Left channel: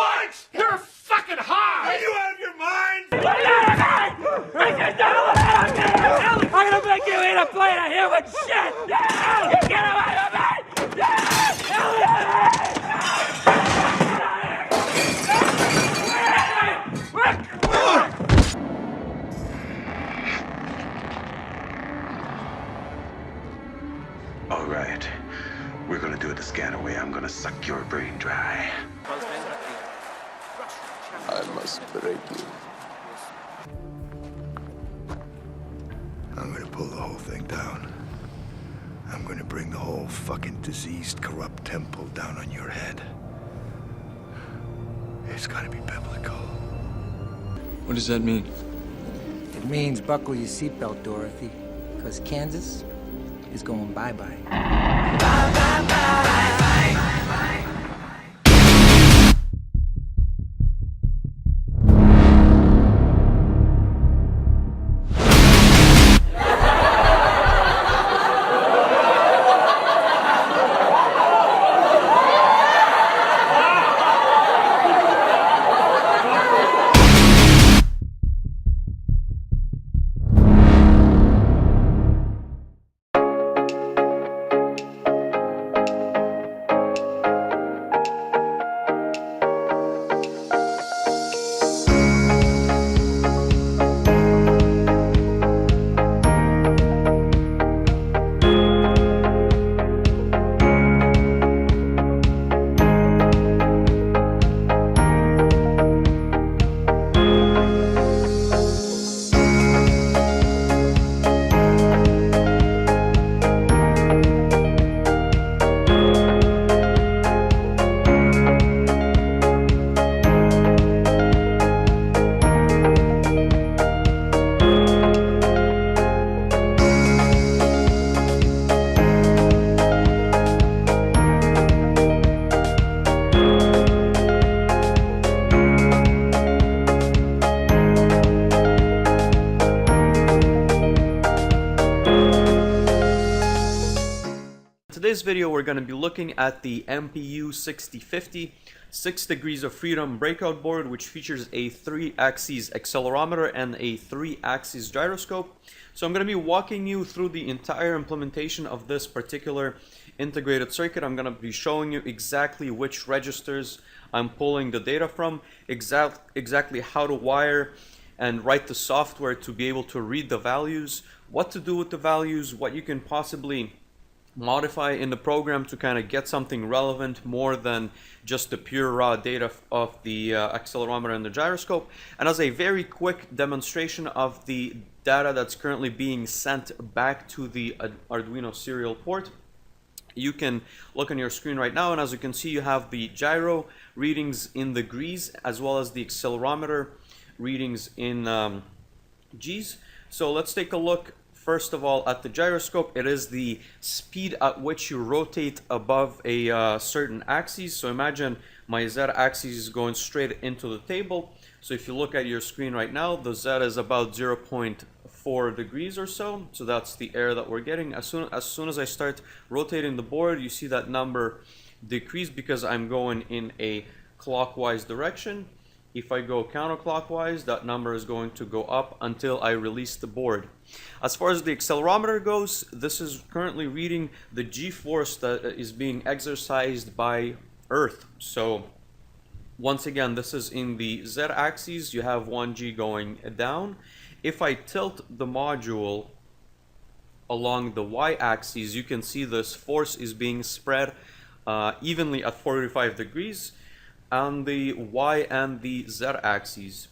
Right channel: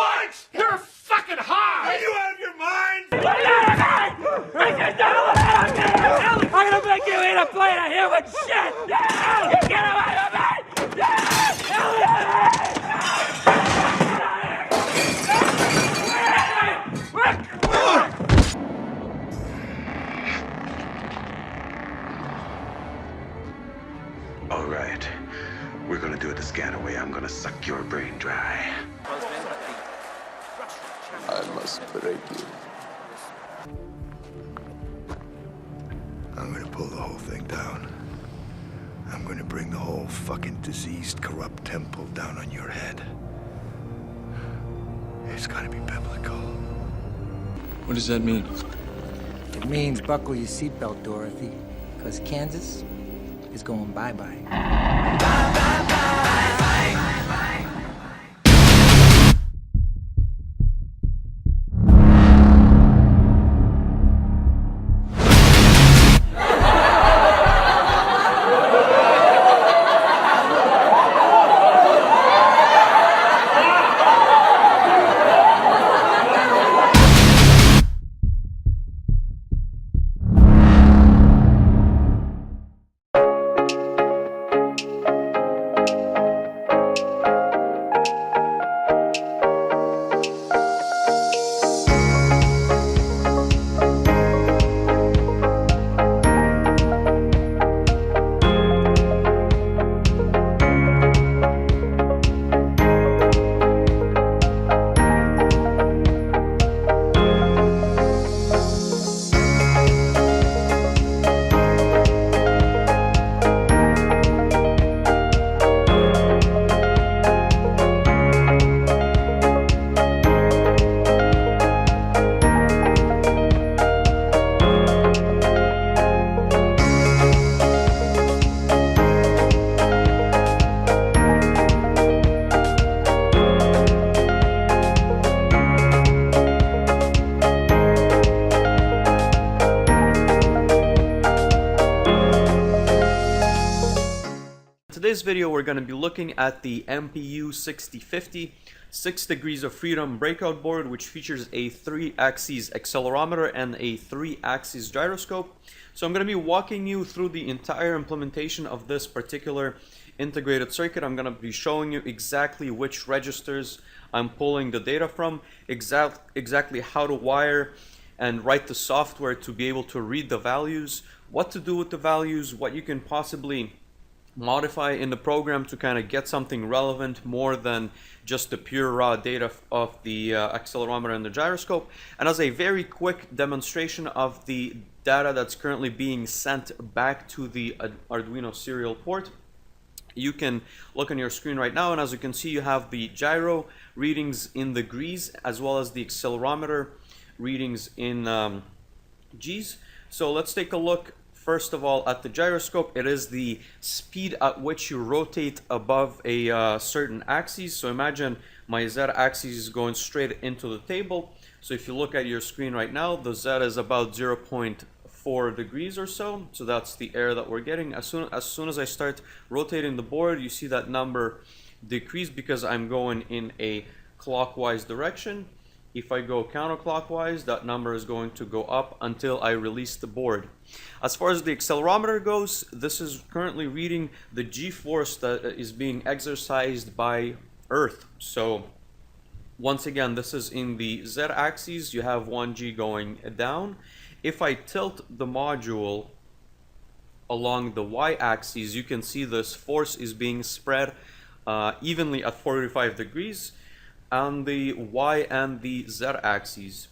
What? You're fucking high! Are you out of your mind? I'm gonna make you eat a plate of human shit! Get away from me! All right. We're gonna do it the Scanner way. I'm gonna suck your brain dry. I must break you. I'm gonna pull the whole thing down. I'm gonna bring the whole fucking diseased, corrupt temple down on your head. It's gonna be biblical. What does that mean? It means buckle your seatbelt, Dorothy, because Kansas is going bye-bye. In today's video, we're going to be looking at the MPU 6050 6 degrees of freedom breakout board, which features a 3-axis accelerometer and a 3-axis gyroscope. So I'm going to be walking you through the entire implementation of this particular integrated circuit. I'm going to be showing you exactly which registers I'm pulling the data from, exactly how to wire and write the software to be able to read the values, what to do with the values, what you can possibly modify in the program to kind of get something relevant more than just the pure raw data of the accelerometer and the gyroscope. And as a very quick demonstration of the data that's currently being sent back to the Arduino serial port, you can look on your screen right now, and as you can see, you have the gyro readings in the G's as well as the accelerometer readings in G's. So let's take a look first of all at the gyroscope. It is the speed at which you rotate above a certain axis. So imagine my Z axis is going straight into the table. So if you look at your screen right now, the Z is about 0.4 degrees or so. So that's the error that we're getting. As soon as I start rotating the board, you see that number decrease because I'm going in a clockwise direction. If I go counterclockwise, that number is going to go up until I release the board. As far as the accelerometer goes, this is currently reading the G-force that is being exercised by Earth. So once again, this is in the Z-axis. You have 1G going down. If I tilt the module along the Y-axis, you can see this force is being spread evenly at 45 degrees on the Y and the Z axes.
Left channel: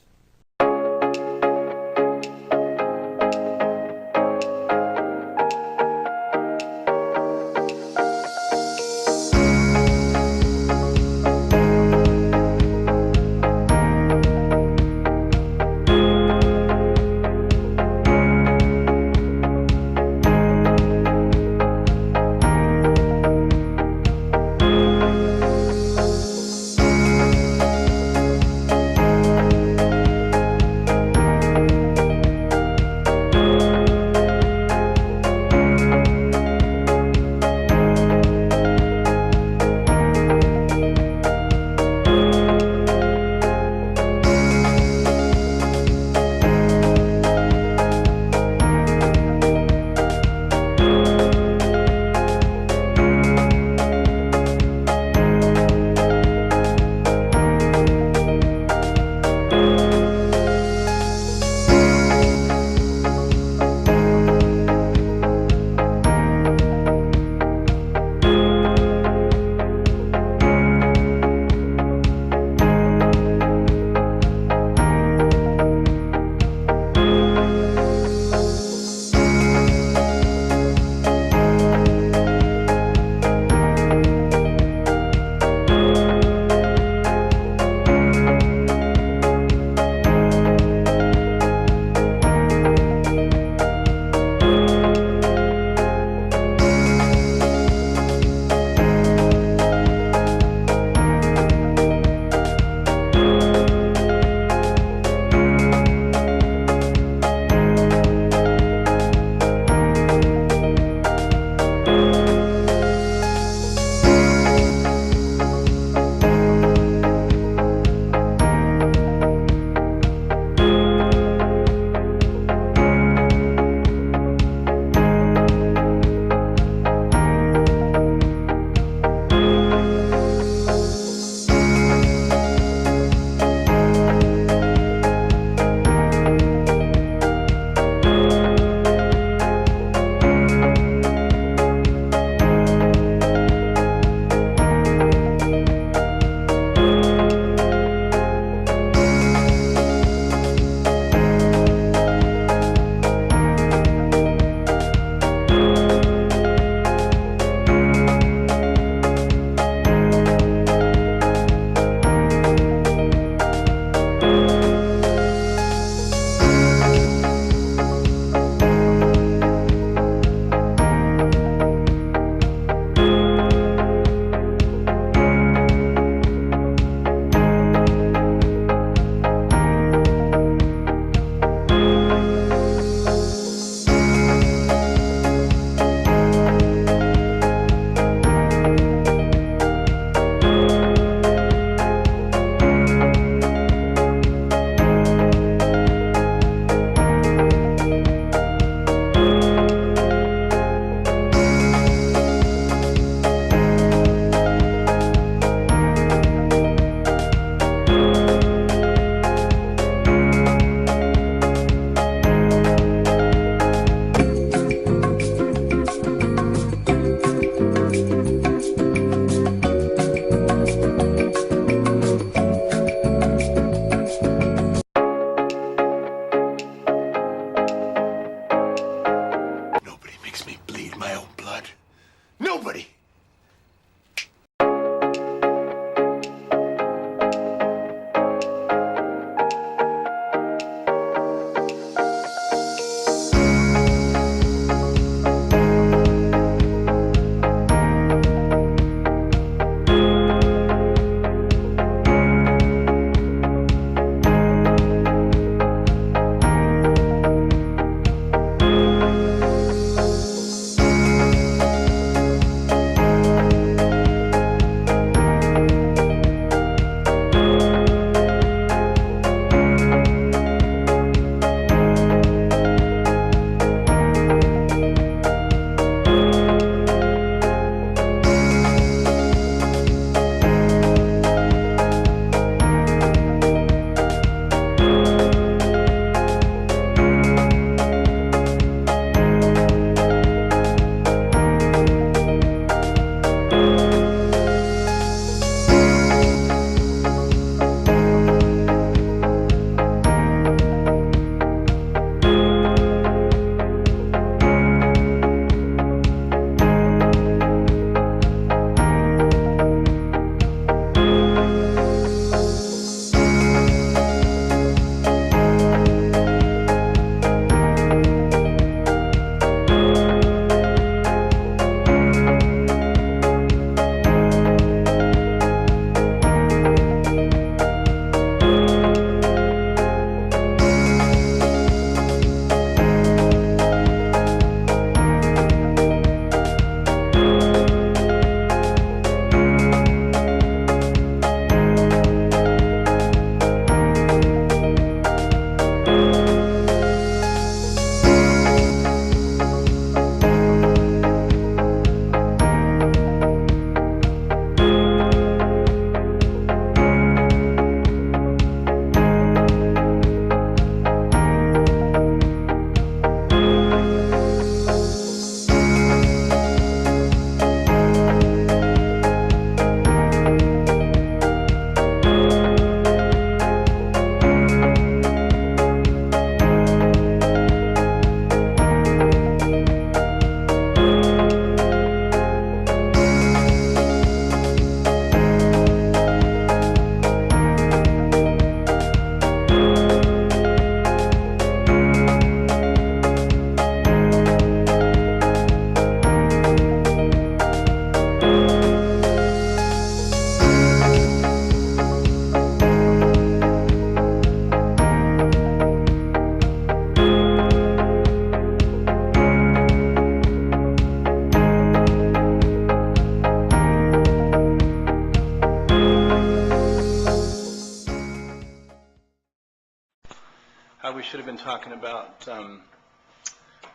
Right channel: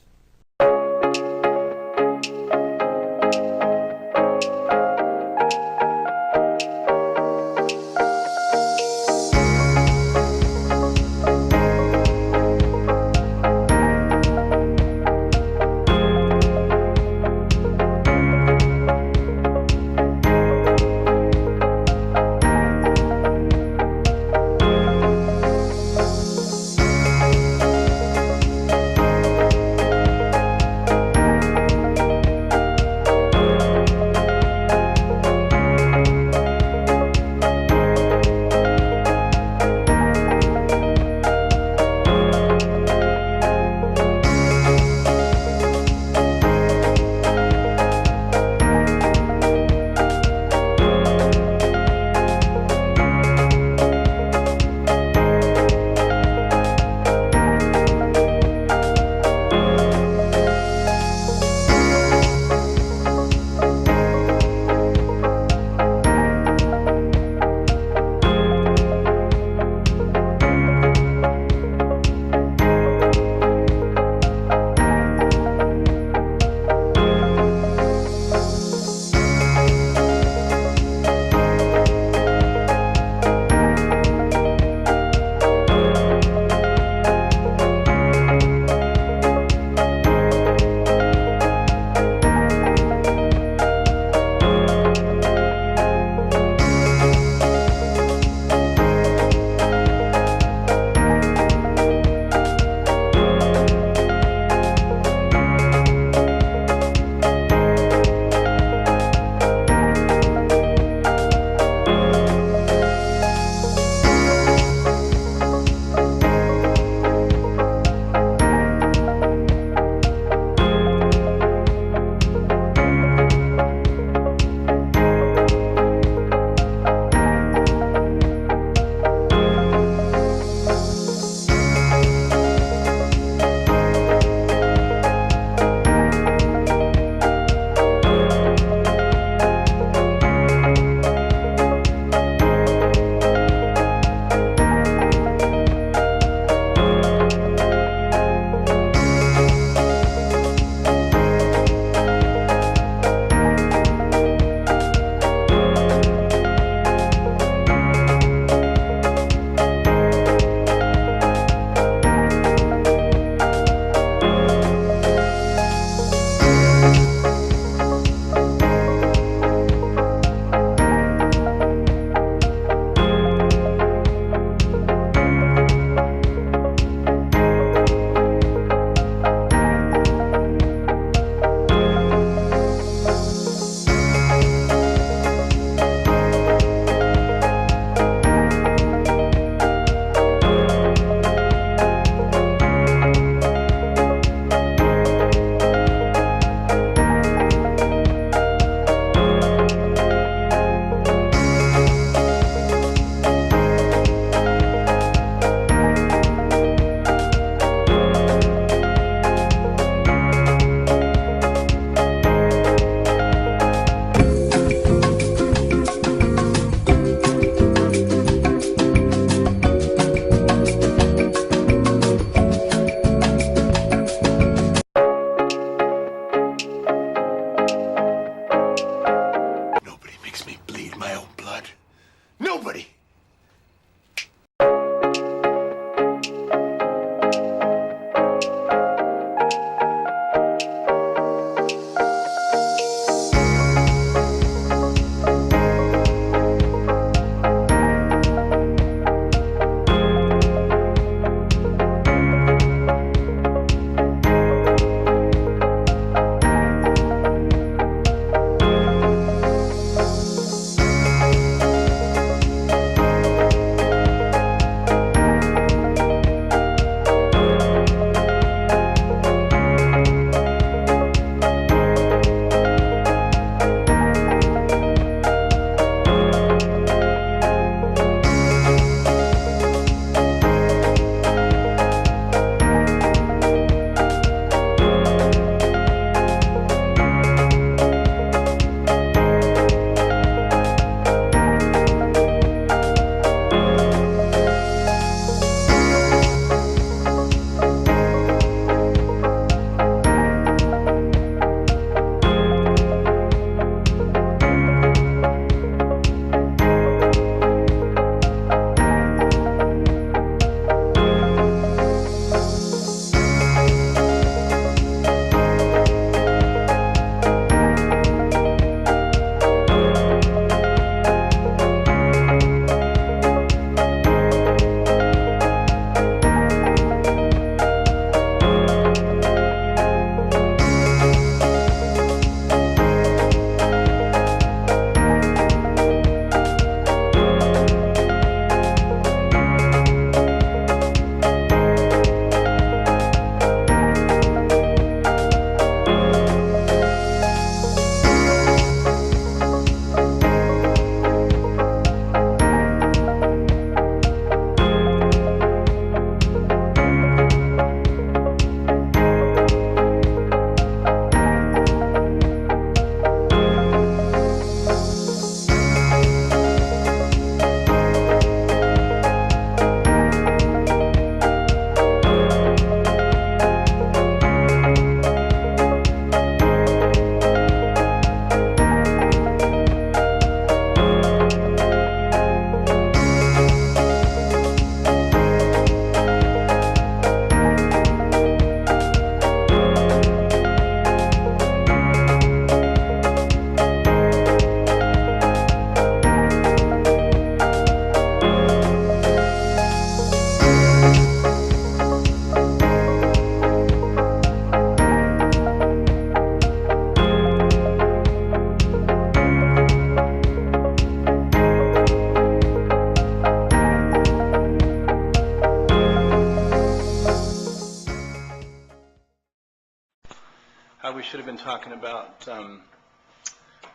we should have been talking about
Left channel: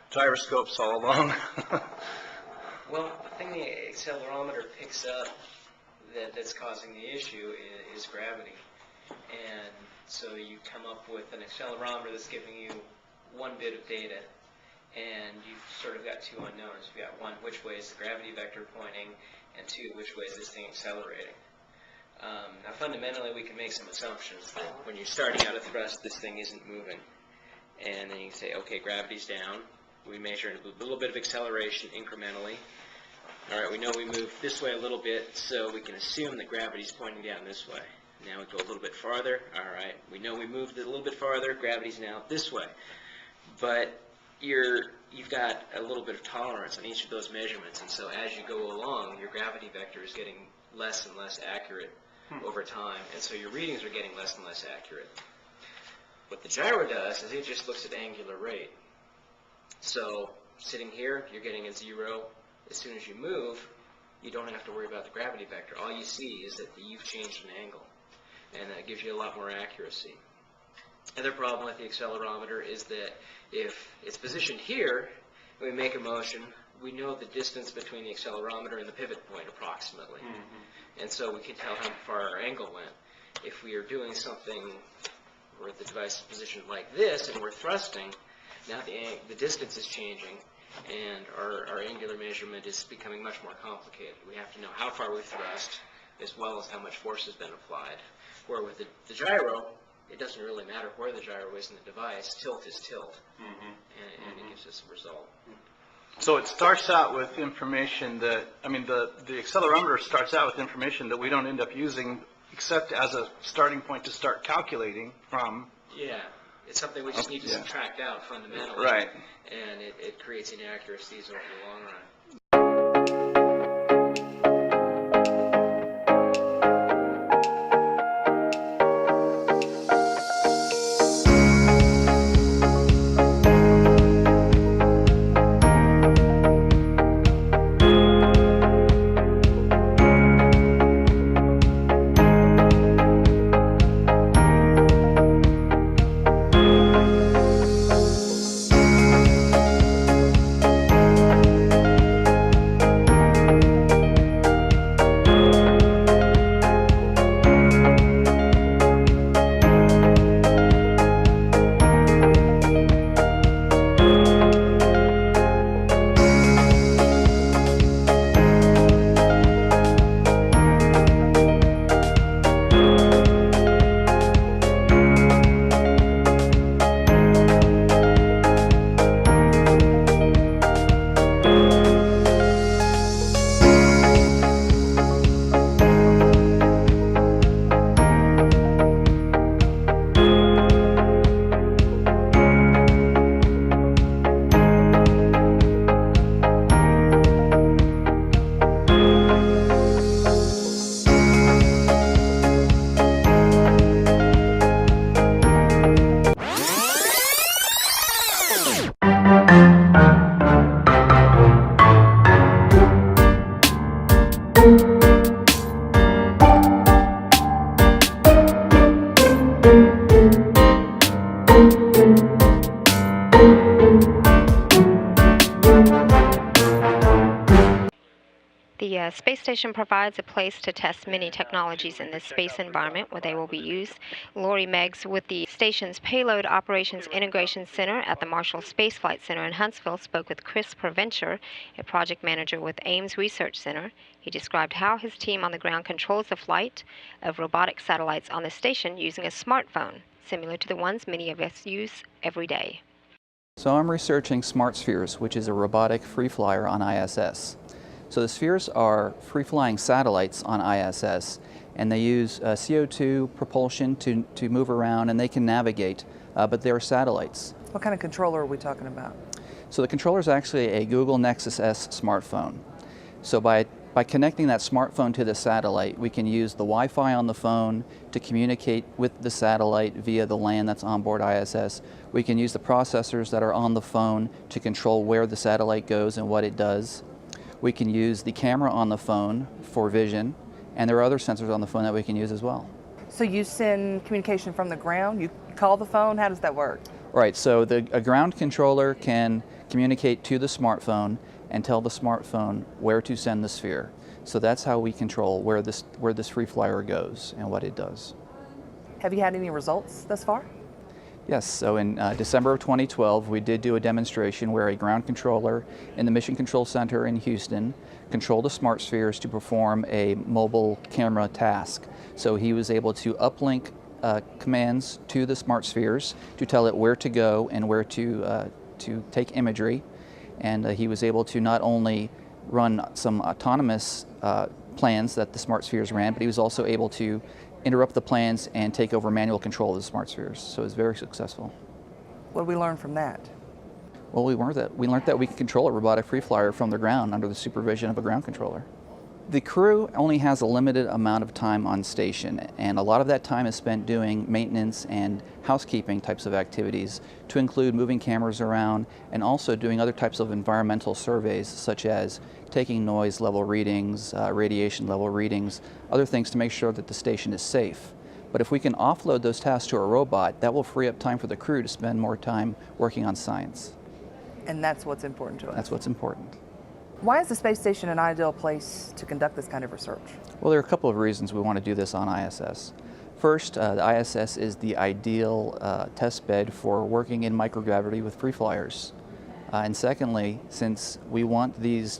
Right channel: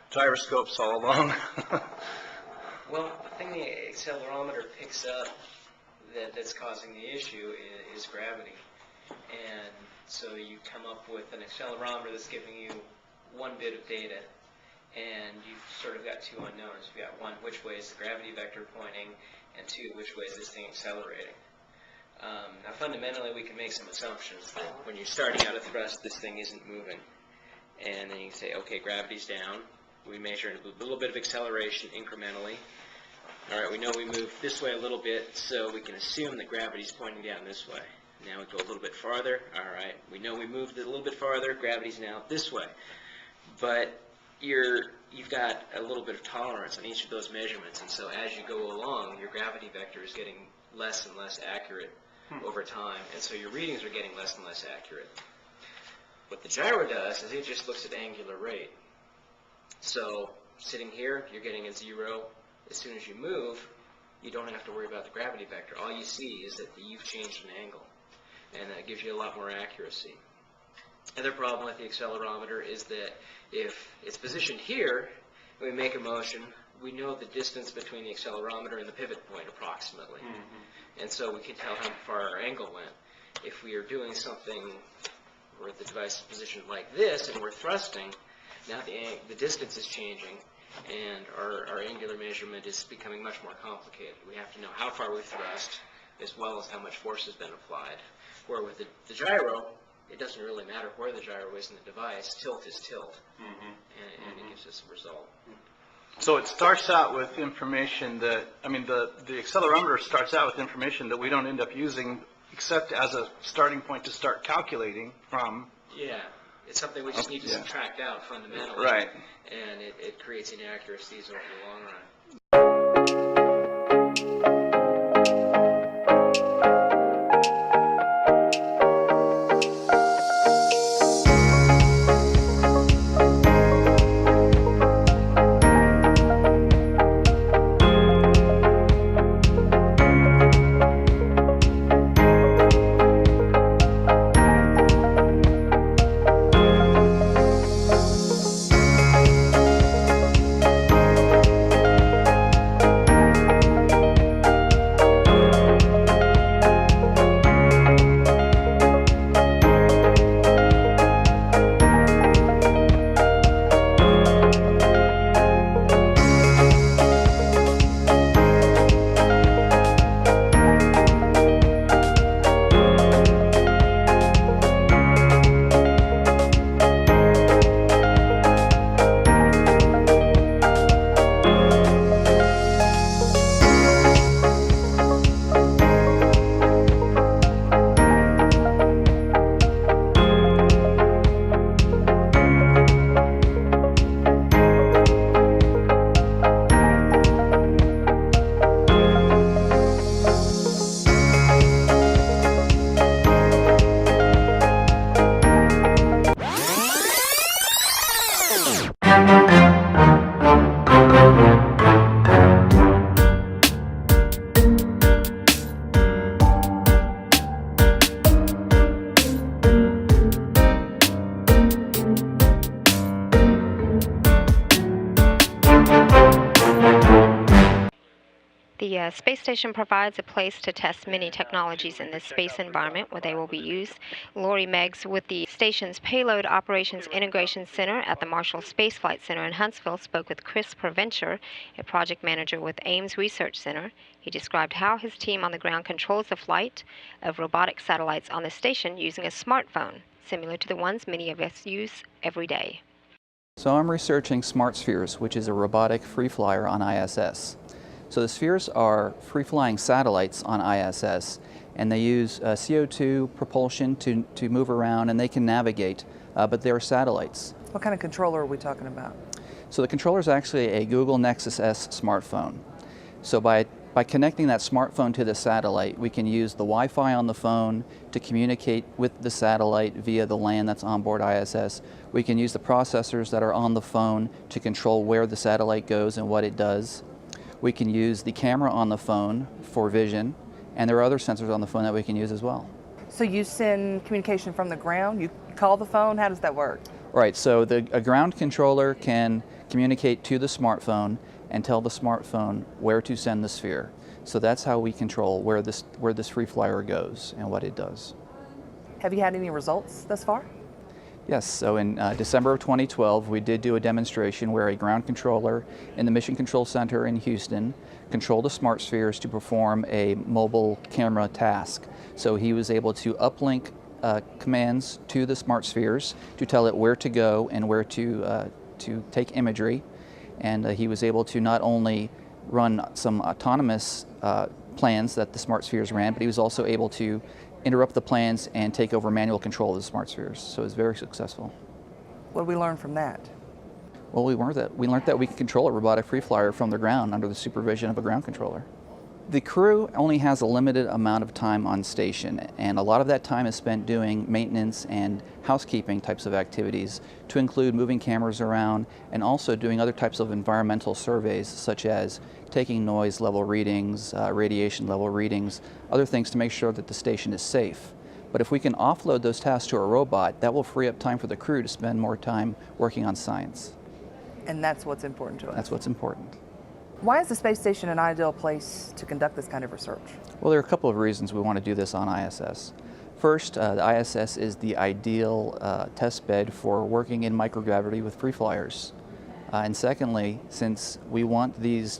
gyroscopes all along. Well, the thing the accelerometer picks up that's causing the issue is gravity. And so you come up with an accelerometer that's giving you one bit of data, and you've sort of got two unknowns. You've got one, which way is the gravity vector pointing, and two, which way is this thing accelerating. Now fundamentally we can make some assumptions that when you're starting out at thrust, this thing isn't moving. And then you can say, okay, gravity's down. We measure a little bit of acceleration incrementally. All right, we know we move this way a little bit, so we can assume that gravity's pointing down this way. Now we go a little bit farther. All right, we know we moved it a little bit farther. Gravity's now this way. But you've got a little bit of tolerance on each of those measurements, and so as you go along, your gravity vector is getting less and less accurate over time, and so your readings are getting less and less accurate. What the gyro does is it just looks at angular rate. So sitting here, you're getting a 0. As soon as you move, you don't have to worry about the gravity vector. All you see is that you've changed an angle, and that gives you a lot more accuracy. Another problem with the accelerometer is that if it's positioned here, and we make a motion, we know the distance between the accelerometer and the pivot point approximately. And so we can tell how far our angle went. If we are doing something where the device is positioned like this and we're thrusting, now the distance is changing, and our angular measurement is becoming much more complicated. We have to know how far we thrust as well as how much force has been applied. Where with the gyro, it doesn't really matter where the gyro is in the device. Tilt is tilt, and it gives us a result. So it starts out with information that, I mean, the accelerometer starts out with information that we don't end up using except as a starting point to start calculating from. Yeah, it's something we just need to subtract out fundamentally. Right. And it creates inaccuracies over the long run. The space station provides a place to test many technologies in the space environment where they will be used. Lori Meggs with the station's Payload Operations Integration Center at the Marshall Space Flight Center in Huntsville spoke with Chris Provencher, a project manager with Ames Research Center. He described how his team on the ground controls the flight of robotic satellites on the station using a smartphone, similar to the ones many of us use every day. So I'm researching smart spheres, which is a robotic free flyer on ISS. So the spheres are free-flying satellites on ISS, and they use CO2 propulsion to move around, and they can navigate, but they're satellites. What kind of controller are we talking about? So the controller is actually a Google Nexus S smartphone. So by connecting that smartphone to the satellite, we can use the Wi-Fi on the phone to communicate with the satellite via the LAN that's on board ISS. We can use the processors that are on the phone to control where the satellite goes and what it does. We can use the camera on the phone for vision, and there are other sensors on the phone that we can use as well. So you send communication from the ground? You call the phone? How does that work? Right, so a ground controller can communicate to the smartphone and tell the smartphone where to send the sphere. So that's how we control where this free flyer goes and what it does. Have you had any results thus far? Yes, so in December of 2012, we did do a demonstration where a ground controller in the Mission Control Center in Houston controlled the smart spheres to perform a mobile camera task. So he was able to uplink commands to the smart spheres to tell it where to go and where to take imagery. And he was able to not only run some autonomous plans that the smart spheres ran, but he was also able to interrupt the plans and take over manual control of the smart spheres. So it was very successful. What did we learn from that? Well, we learned that we can control a robotic free flyer from the ground under the supervision of a ground controller. The crew only has a limited amount of time on station, and a lot of that time is spent doing maintenance and housekeeping types of activities, to include moving cameras around and also doing other types of environmental surveys, such as taking noise level readings, radiation level readings, other things to make sure that the station is safe. But if we can offload those tasks to a robot, that will free up time for the crew to spend more time working on science. And that's what's important to us. That's what's important. Why is the space station an ideal place to conduct this kind of research? Well, there are a couple of reasons we want to do this on ISS. First, the ISS is the ideal test bed for working in microgravity with free flyers. And secondly, since we want these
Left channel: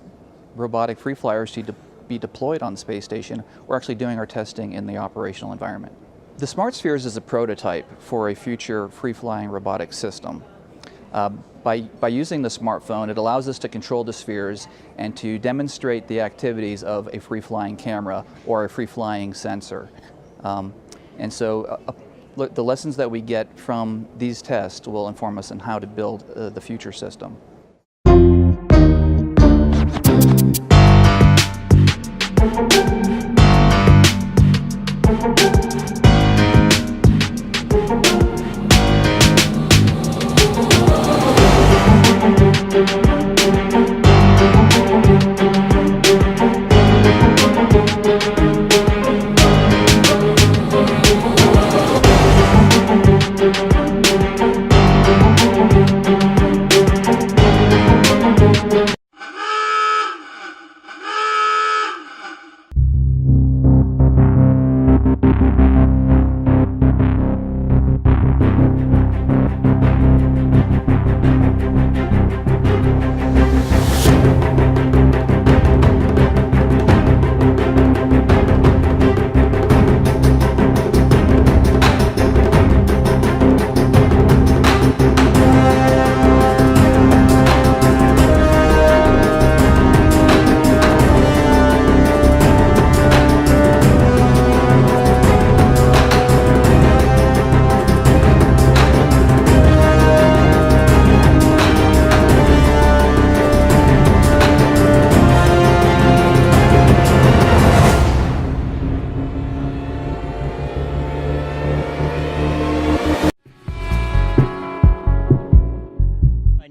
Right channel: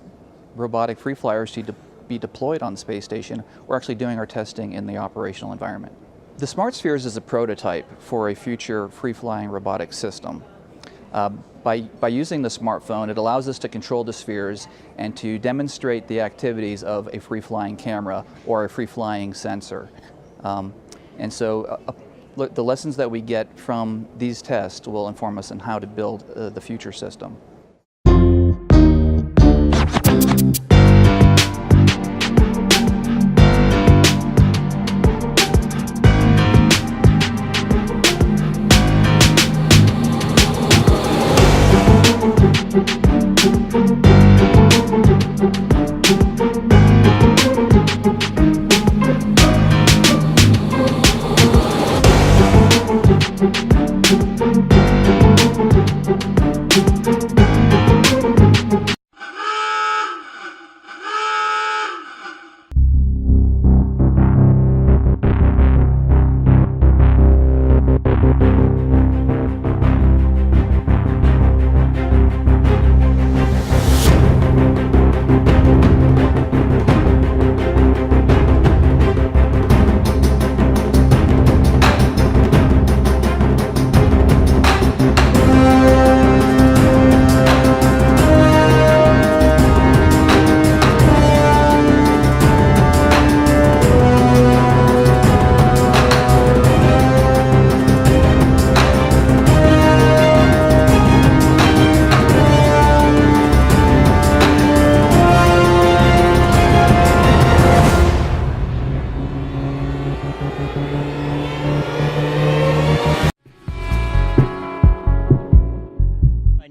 robotic free flyers to be deployed on the space station, we're actually doing our testing in the operational environment. The Smart Spheres is a prototype for a future free-flying robotic system. By using the smartphone, it allows us to control the spheres and to demonstrate the activities of a free-flying camera or a free-flying sensor. And so the lessons that we get from these tests will inform us on how to build the future system.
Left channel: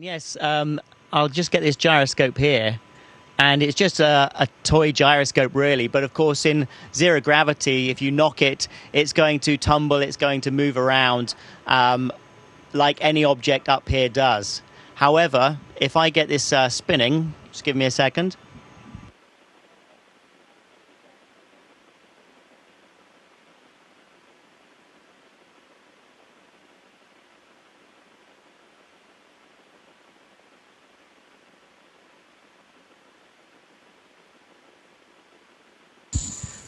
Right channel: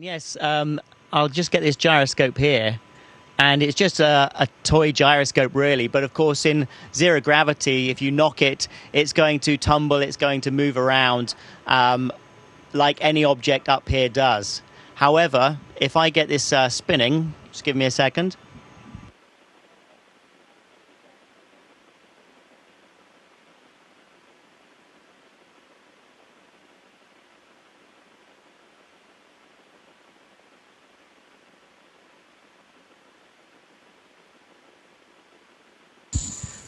Yes, I'll just get this gyroscope here, and it's just a toy gyroscope really, but of course in zero gravity, if you knock it, it's going to tumble, it's going to move around like any object up here does. However, if I get this spinning, just give me a second.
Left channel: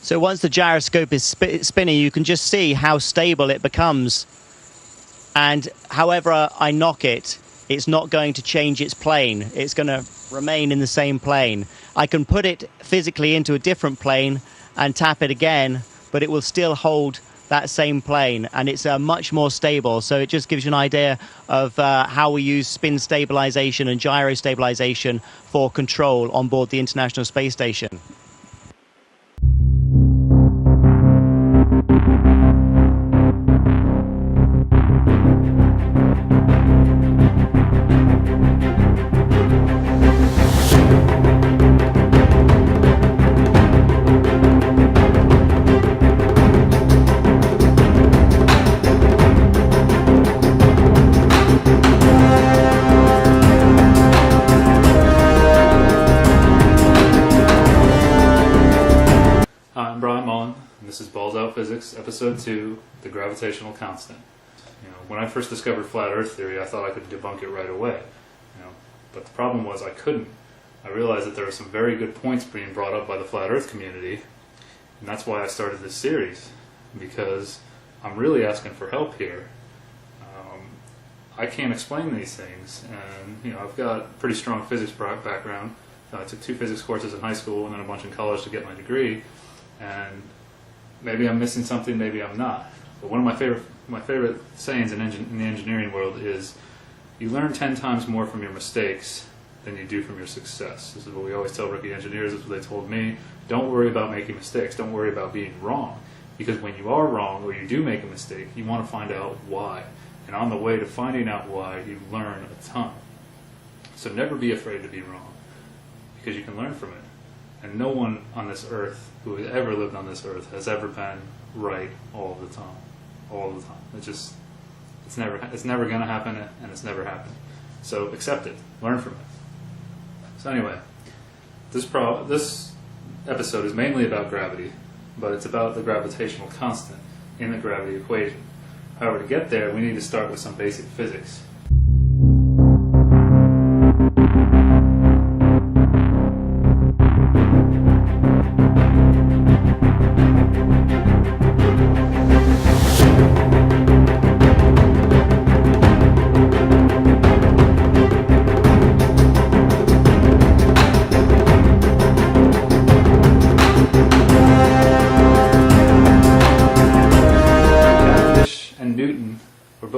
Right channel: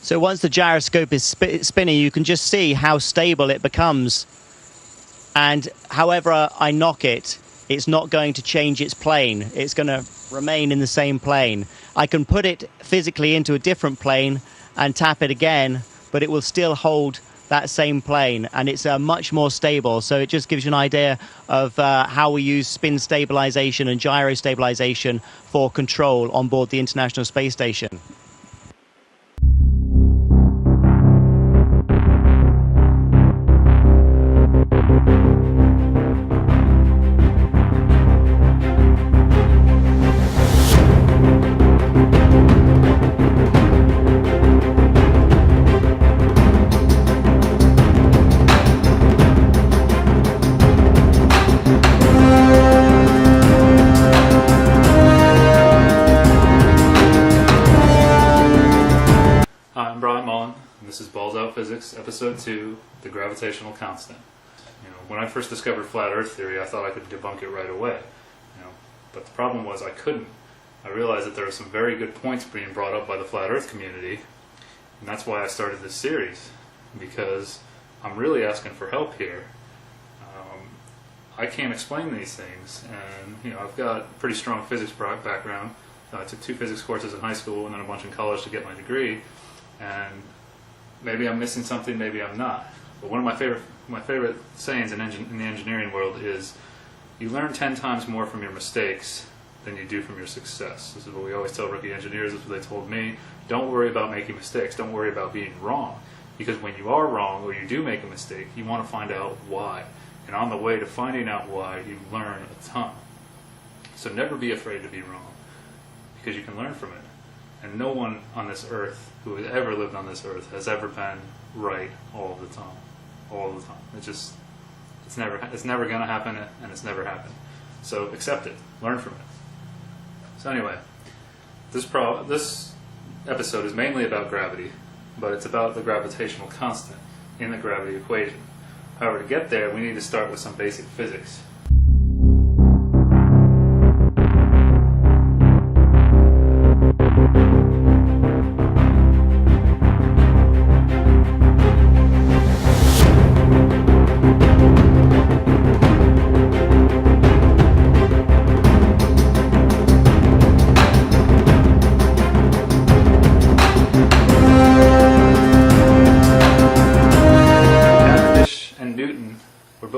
So once the gyroscope is spinning, you can just see how stable it becomes. And however I knock it, it's not going to change its plane. It's going to remain in the same plane. I can put it physically into a different plane and tap it again, but it will still hold that same plane, and it's much more stable. So it just gives you an idea of how we use spin stabilization and gyro stabilization for control on board the International Space Station. everyone. This is Balls Out Physics, Episode 2, The Gravitational Constant. When I first discovered Flat Earth theory, I thought I could debunk it right away. But the problem was I couldn't. I realized that there were some very good points being brought up by the Flat Earth community, and that's why I started this series, because I'm really asking for help here. I can't explain these things, and I've got a pretty strong physics background. I took 2 physics courses in high school and then a bunch in college to get my degree, and maybe I'm missing something, maybe I'm not. But one of my favorite sayings in the engineering world is, you learn 10 times more from your mistakes than you do from your success. This is what we always tell rookie engineers. This is what they told me. Don't worry about making mistakes. Don't worry about being wrong. Because when you are wrong or you do make a mistake, you want to find out why. And on the way to finding out why, you learn a ton. So never be afraid to be wrong, because you can learn from it. And no one on this earth who has ever lived on this earth has ever been right all the time. All the time. It's never going to happen, and it's never happened. So accept it. Learn from it. So anyway, this episode is mainly about gravity, but it's about the gravitational constant in the gravity equation. However, to get there, we need to start with some basic physics.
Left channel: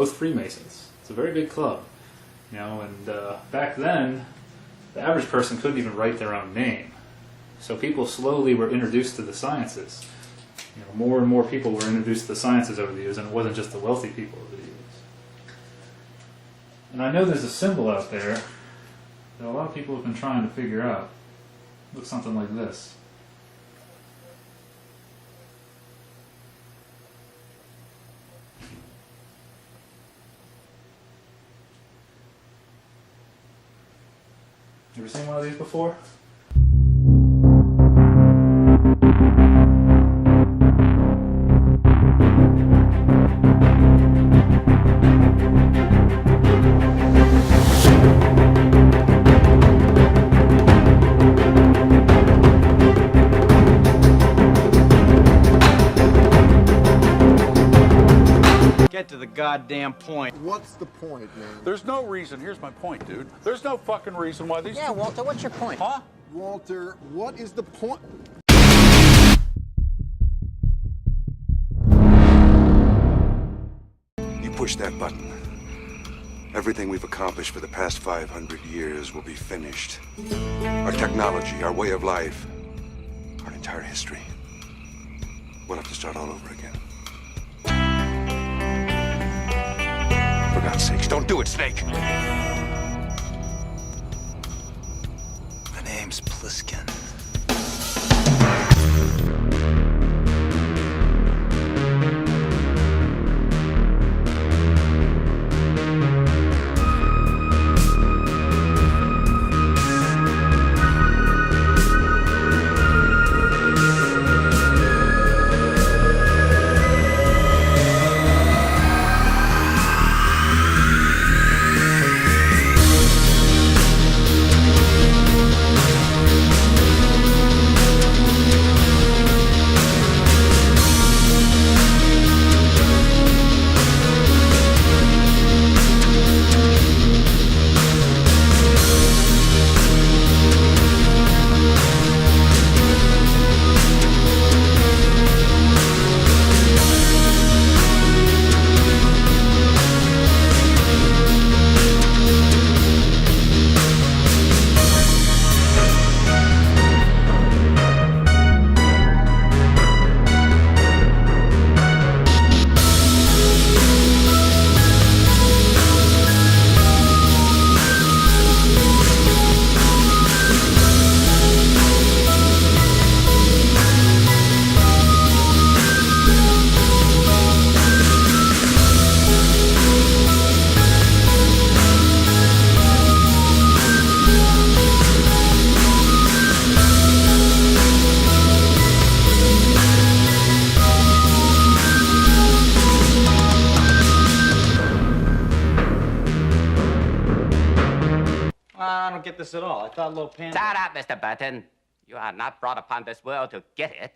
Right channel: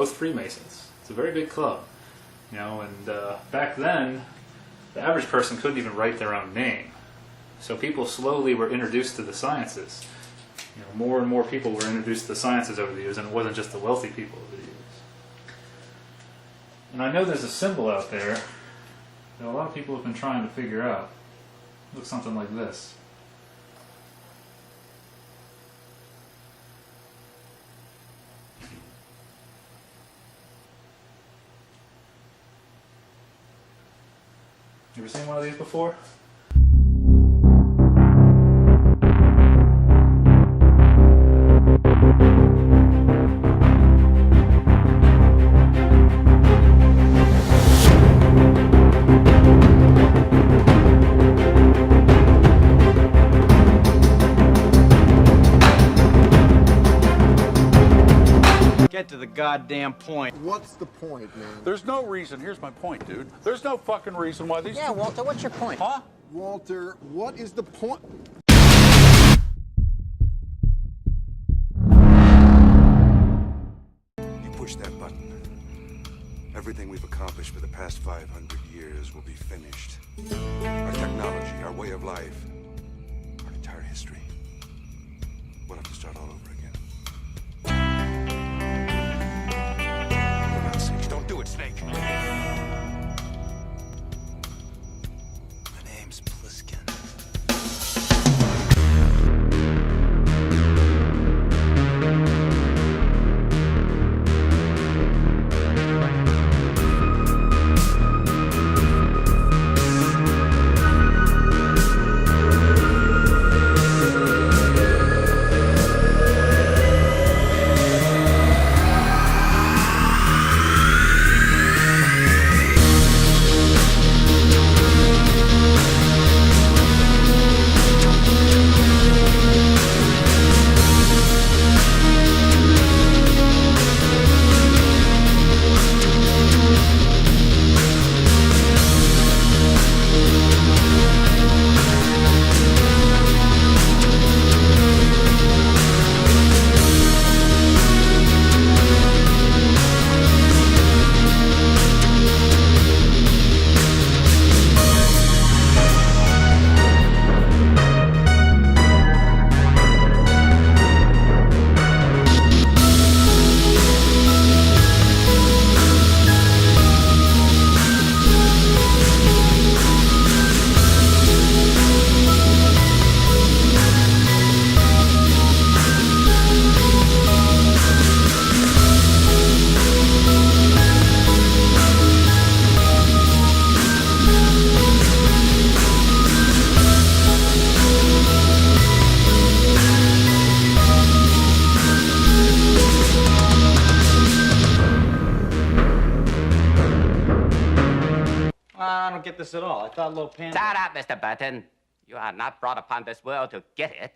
Freemasons. It's a very big club, and back then the average person couldn't even write their own name. So people slowly were introduced to the sciences. More and more people were introduced to the sciences over the years, and it wasn't just the wealthy people over the years. And I know there's a symbol out there that a lot of people have been trying to figure out. It looks something like this. You ever seen one of these before? Get to the goddamn point. What's the point, man? There's no reason. Here's my point, dude. There's no fucking reason why these... Yeah, Walter, what's your point? Huh? Walter, what is the point? You push that button. Everything we've accomplished for the past 500 years will be finished. Our technology, our way of life, our entire history. We'll have to start all over again. For God's sakes, don't do it, Snake! My name's Pliskin. don't get this at all. I thought Little Panda... Shut up, Mr. Burton. You are not brought upon this world to get it.